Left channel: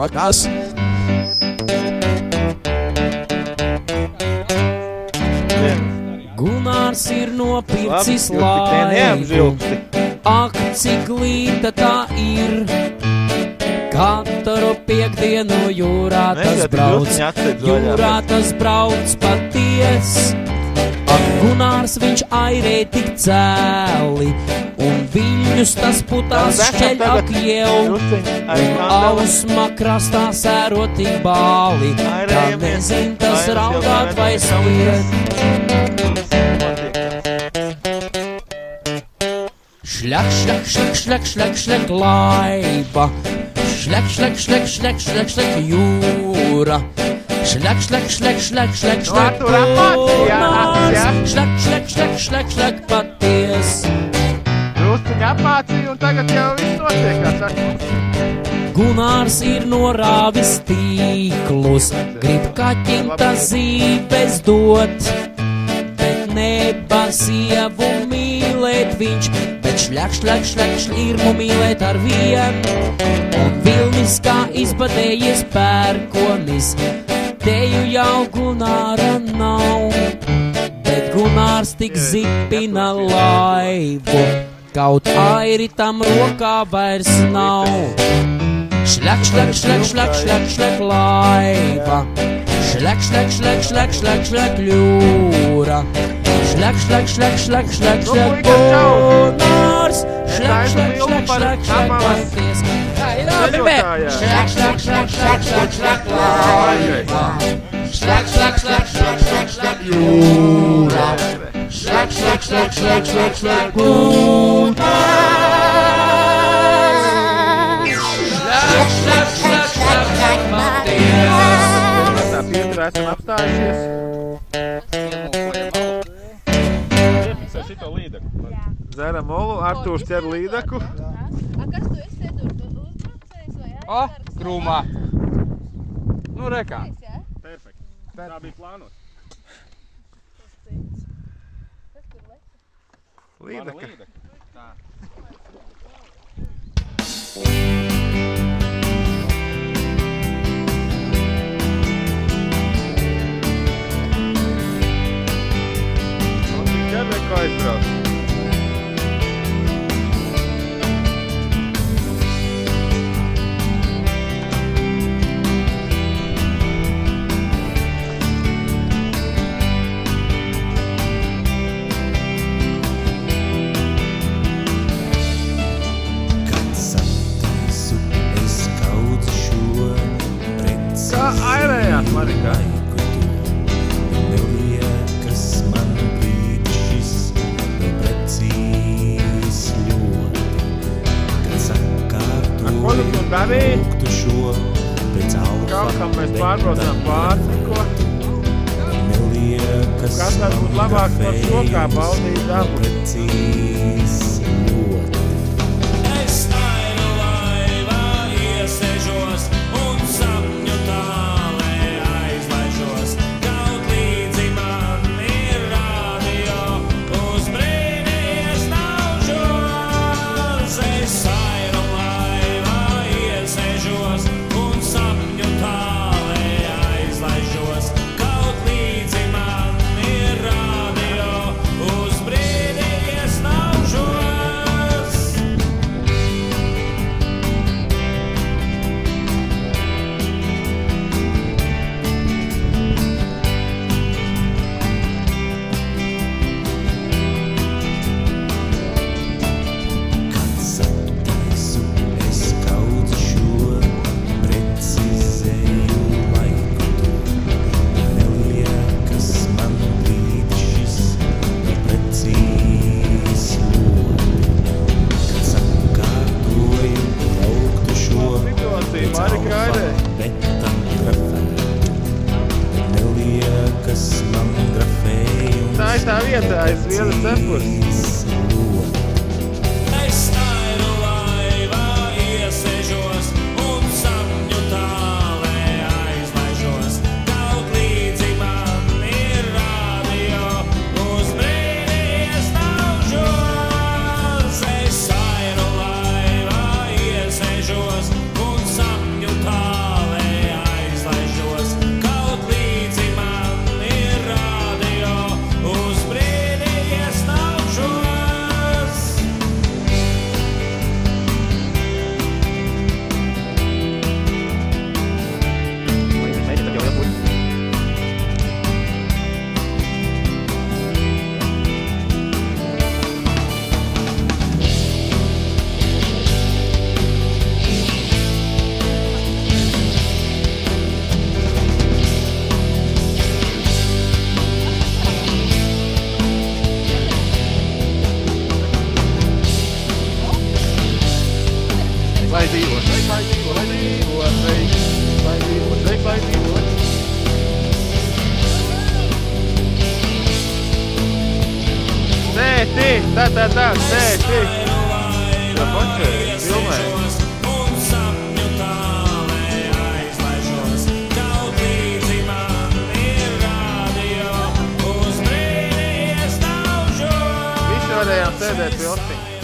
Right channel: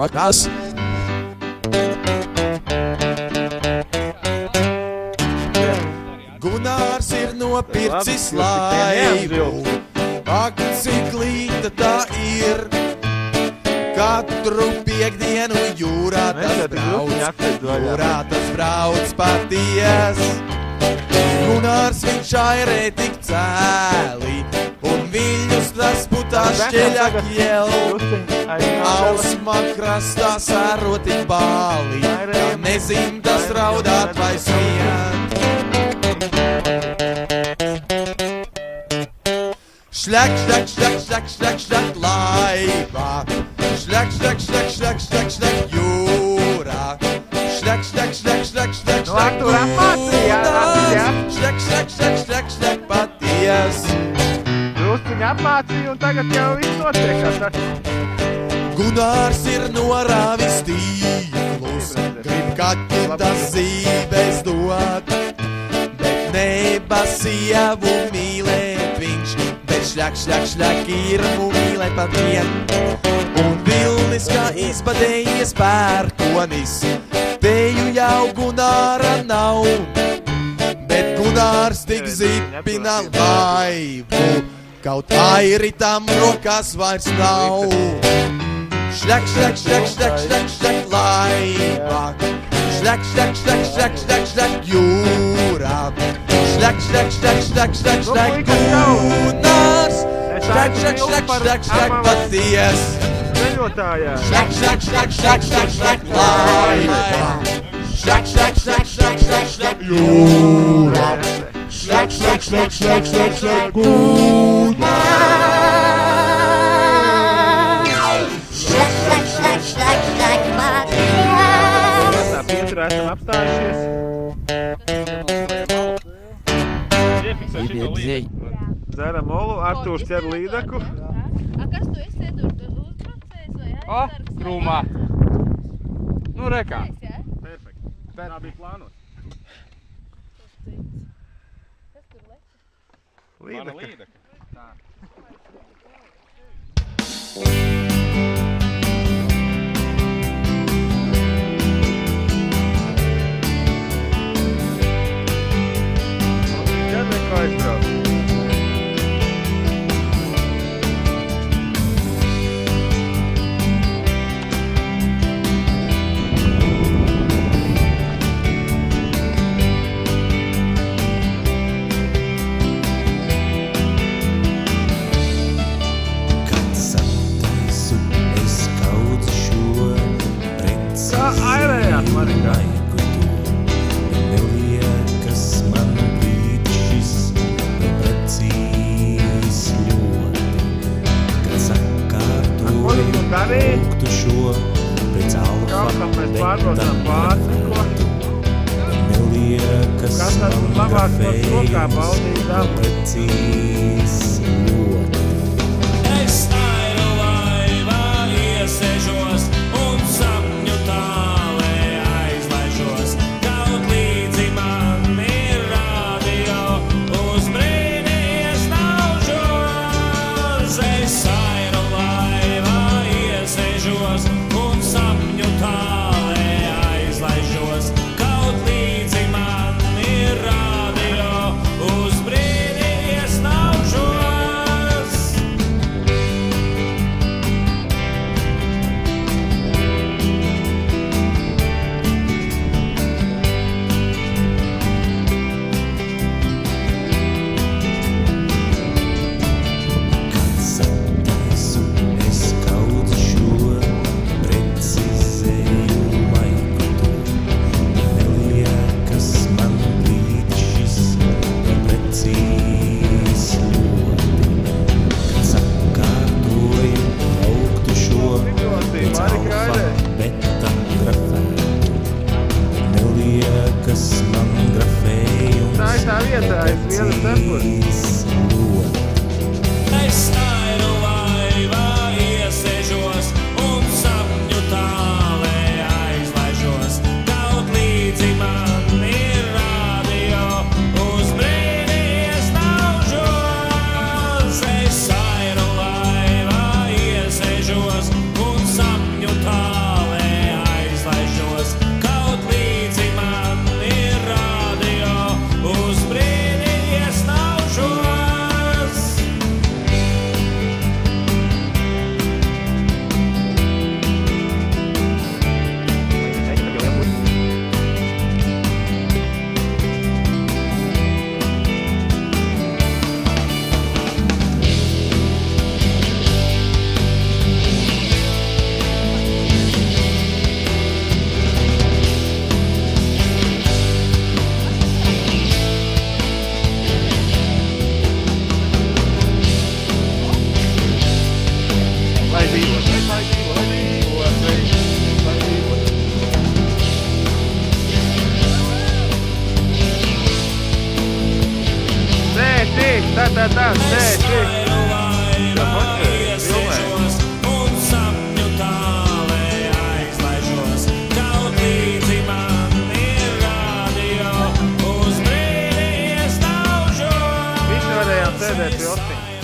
Kas? Gunārs ir nopircis laivu, ak, cik līta tā ir. Katru piekdienu jūrā tas brauc paties. Ak, Gunārs viņš airē tik cēli, un viņus tas putās šeit apļauj. Ausmā krastā sēroti bāli, tā nezin, kas raudāt vai smien. Šļak, šļak, šļak, šļak, šļak, šļak, laiva. Šļak, šļak, šļak, šļak, šļak, šļak, jūra. Šļak, šļak, šļak, šļak, šļak, šļak, Gunārs. Šļak, šļak, šļak, šļak, šļak, paties. Drusciņi apmācīja un tagad jau viss notiekās. Gunārs ir norāvis tīklus, grib kaķim tas zīpes dot, bet neba sievu mīlēt viņš. Šļak, šļak, šļak, šķīru mīlēt ar vien, un vils kā izpadējis pērkonis, teju jau Gunāra nav, bet Gunārs tik zīpina laivu, kaut airi tam rokā vairs nav. Šļak, šļak, šļak, šļak, šļak, šļak, laiva, šļak, šļak, šļak, šļak, šļak, šļak, jūra. Šļak, šļak, šļak, šļak, šļak, šļak, Gunārs. Šļak, šļak, šļak, šļak, šļak, paties. Ceļotājā. Šļak, šļak, šļak, šļak, šļak, šļak, laiva. Šļak, šļak, šļak, šļak, šļak, šļak, jūra. Šļak, šļak, šļak, šļak, šļak, šļak, Gunārs. Šļak, šļak, šļak, šļak, šļak, paties. Tā Pietrā esam apstājušies. Dzeram olu, Artūrs ķer līdaku. A kas tu esi uzbraucējis vai aizsargs? Krūmā. Nu, rekā. Perfekt. Tā bija plānot. Kas tur leca? Līdaka. Ķer neko aizbrauc. Kā airējās, Marika? Neliekas man brīdis šis vēl precīz ļoti, kad sakārtoju lūgtu šo pēc alfa betam grafētu. Neliekas man grafēju vēl precīz ļoti. Es airu laivā iesežos un sapņu tālē aizlaižos. Kaut līdzi man ir radio, uz brīdi es naužos. Es airu laivā iesežos un sapņu tālē aizlaižos. Kaut līdzi man ir radio, uz brīdi es naužos. Kad sataisu es kaudzu šo precizēju laiku to. Neliekas man brīdis šis vēl precīz ļoti, kad sakārtoju augtu šo pēc alfa betam grafētu. Neliekas man grafēju un Tā ir tā vieta, aiz vienas tempura. precīz ļoti. Es airu laivā iesežos un sapņu tālē aizlaižos. Kaut līdzi man ir radio, uz brīdi es naužos. Es airu laivā iesežos un sapņu tālē lai dzīvo, sveiks, lai dzīvo, sveiks, lai dzīvo. Tēti, tā, tēti. Jā, paši, filmē. Un sapņu tālē aizlaižos, kaut līdzi man ir radio, uz brīdi iestāvžos. Visi varējām sēdēt pie osiņa.